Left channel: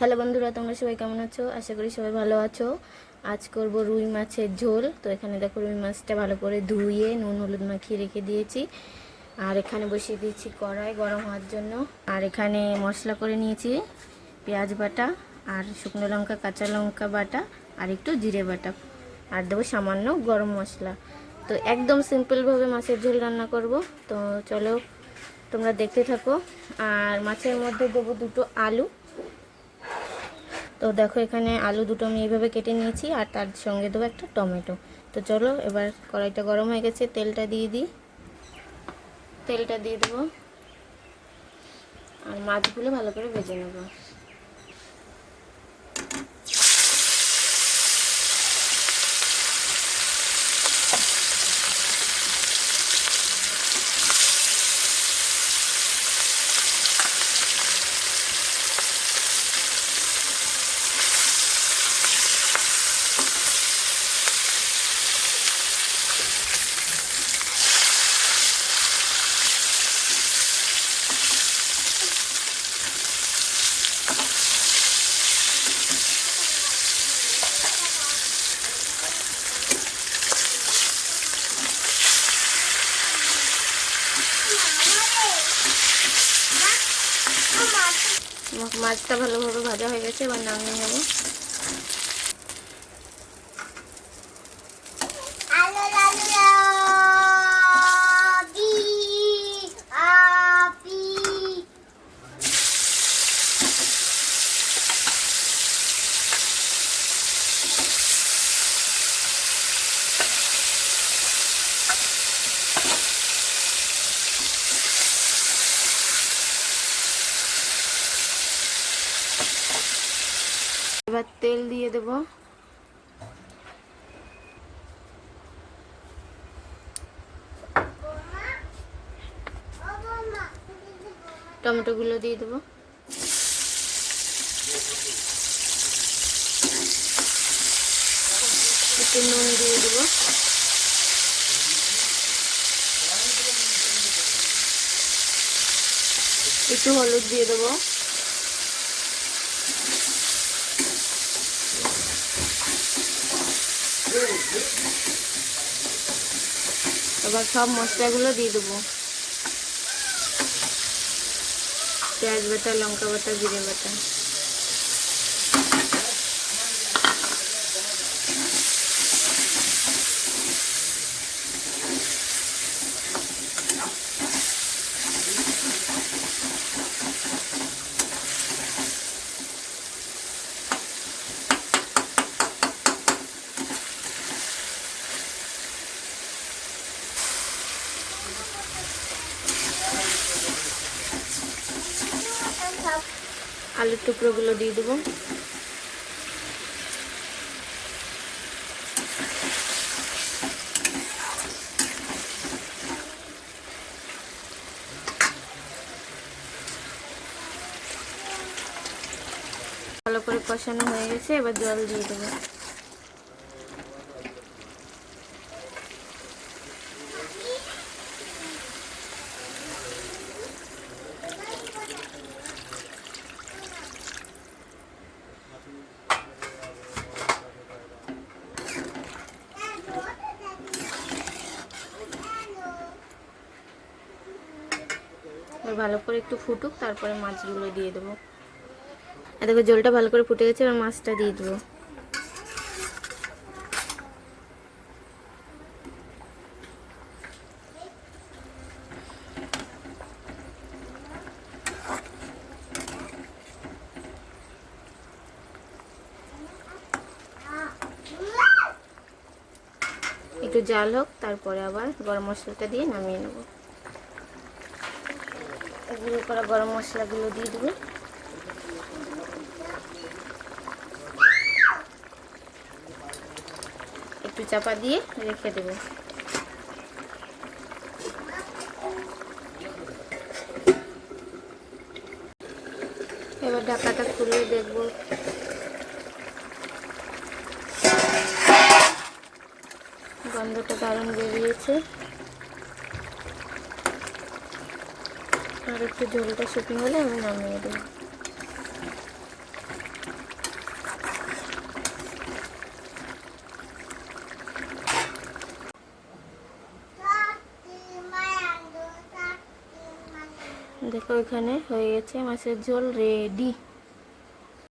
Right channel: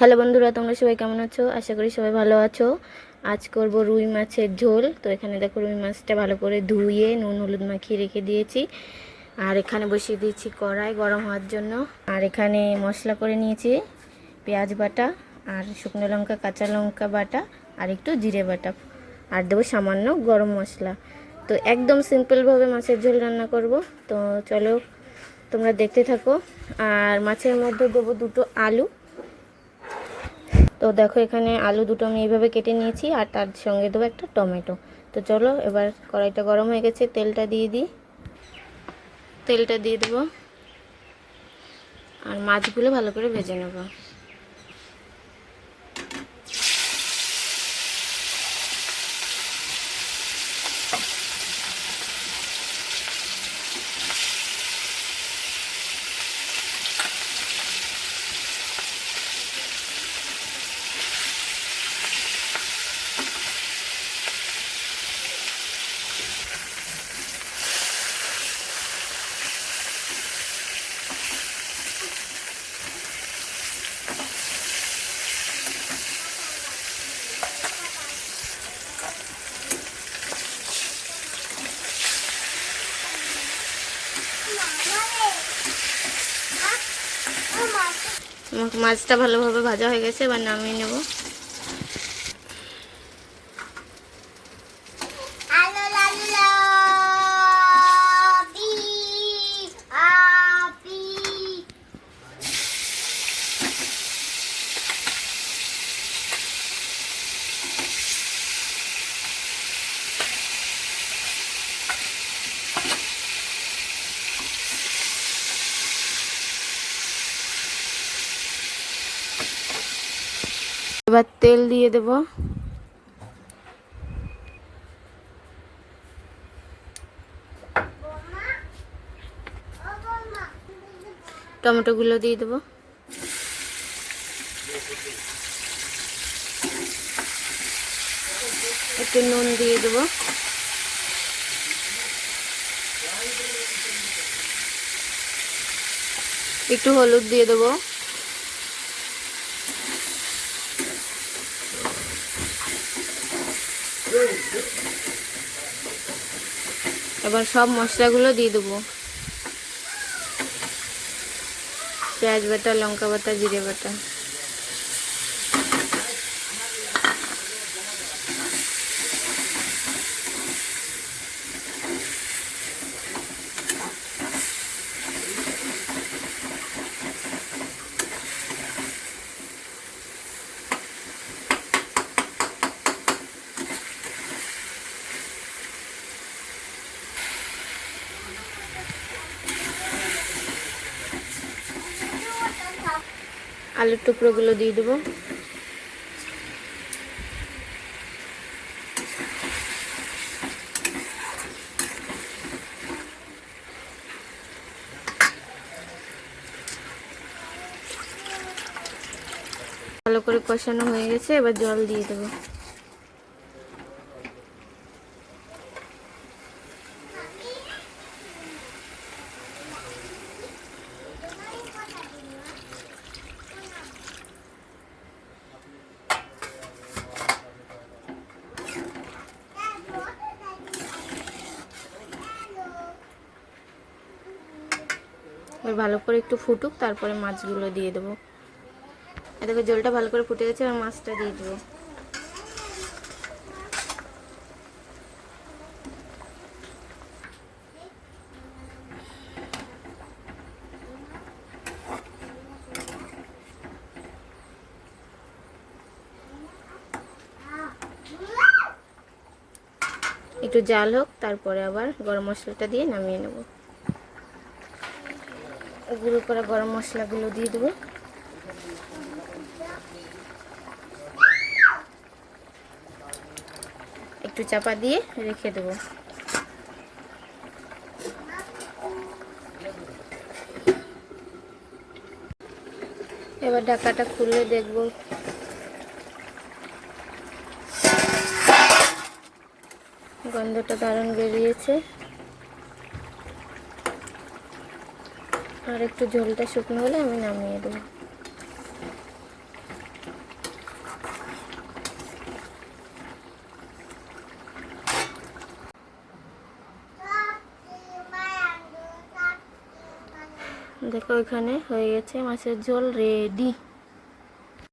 Hello বন্ধুরা, তোমরা সবাই কেমন আছো? আশা করি সবাই ভালো আছো। আজ করব রুই মাছের ঝোল। তো এখানে দেখো রুই মাছটা ভালো করে ধুয়ে নুন হলুদ মাখিয়ে রেখে দিয়েছি। আর এখানে বসিয়ে দিয়েছি কড়াই গরম হওয়ার জন্য। আর এখানে মশলা করে নিয়েছি পেঁয়াজ বাটা আর শুকনো লঙ্কা কাঁচা লঙ্কা বাটা আর একটু জিরে বাটা, আর দেবো সামান্য গরম মশলা। তো একদম সিম্পলভাবে মাছের ঝোল রান্না করব। তো চলো তোমরা দেখতে থাকো। আর মাছের মধ্যে দেবো দুটো আলু। তো দেখো এখানে আলু দুটো আমি এইভাবে কেটে নিয়েছি, আর তার সঙ্গে দেবো একটা টমেটো। তো চলো এবার কড়াইটা গরম হয়ে গেছে, তেলটা দিয়ে দিই। তেলটা দিয়ে দেবো আর মাছগুলো ভালো করে ভেজে নেব। মাছটা ভালোভাবে ভাজা হয়ে গেছে, এবার নামিয়ে নেব। এবার তেল দিয়ে দেব। টমেটোগুলো দিয়ে দেবো। একটু নুন দিয়ে দেবো। একটু হলুদ দিয়ে দেবো। এবার সব মশলাগুলো দিয়ে দেবো। পেঁয়াজ বাটা লঙ্কা বাটা জিরে বাটা। আলুর টুকরোগুলো দিয়ে দেবো। ভালো করে কষানো হয়ে গেছে, এবার জল দিয়ে দেবো। ভালো করে একটু ফুটুক, তারপরে মাছগুলো দিয়ে দেবো। আর দেখো জলটা ভালো করে ফুটে গেছে, আর মাছটা দিয়ে দেবো। একটু জাল হোক, তারপরে আবার গরম মশলাটা দিয়ে নামিয়ে নেব। গুঁড়ো করা গরম মশলাগুলো দিয়ে দেবো। একটু চাপা দিয়ে রেখে দেবো। এবার ঢাকাটা খুলে দেখবো। গন্ধটা দারুণ বেরিয়েছে। আর একটু ঝোলটা শুকনো হলে আমি নামিয়ে দেবো। দেখো এখানে হয়ে গেছে মাছের ঝোল রেডি।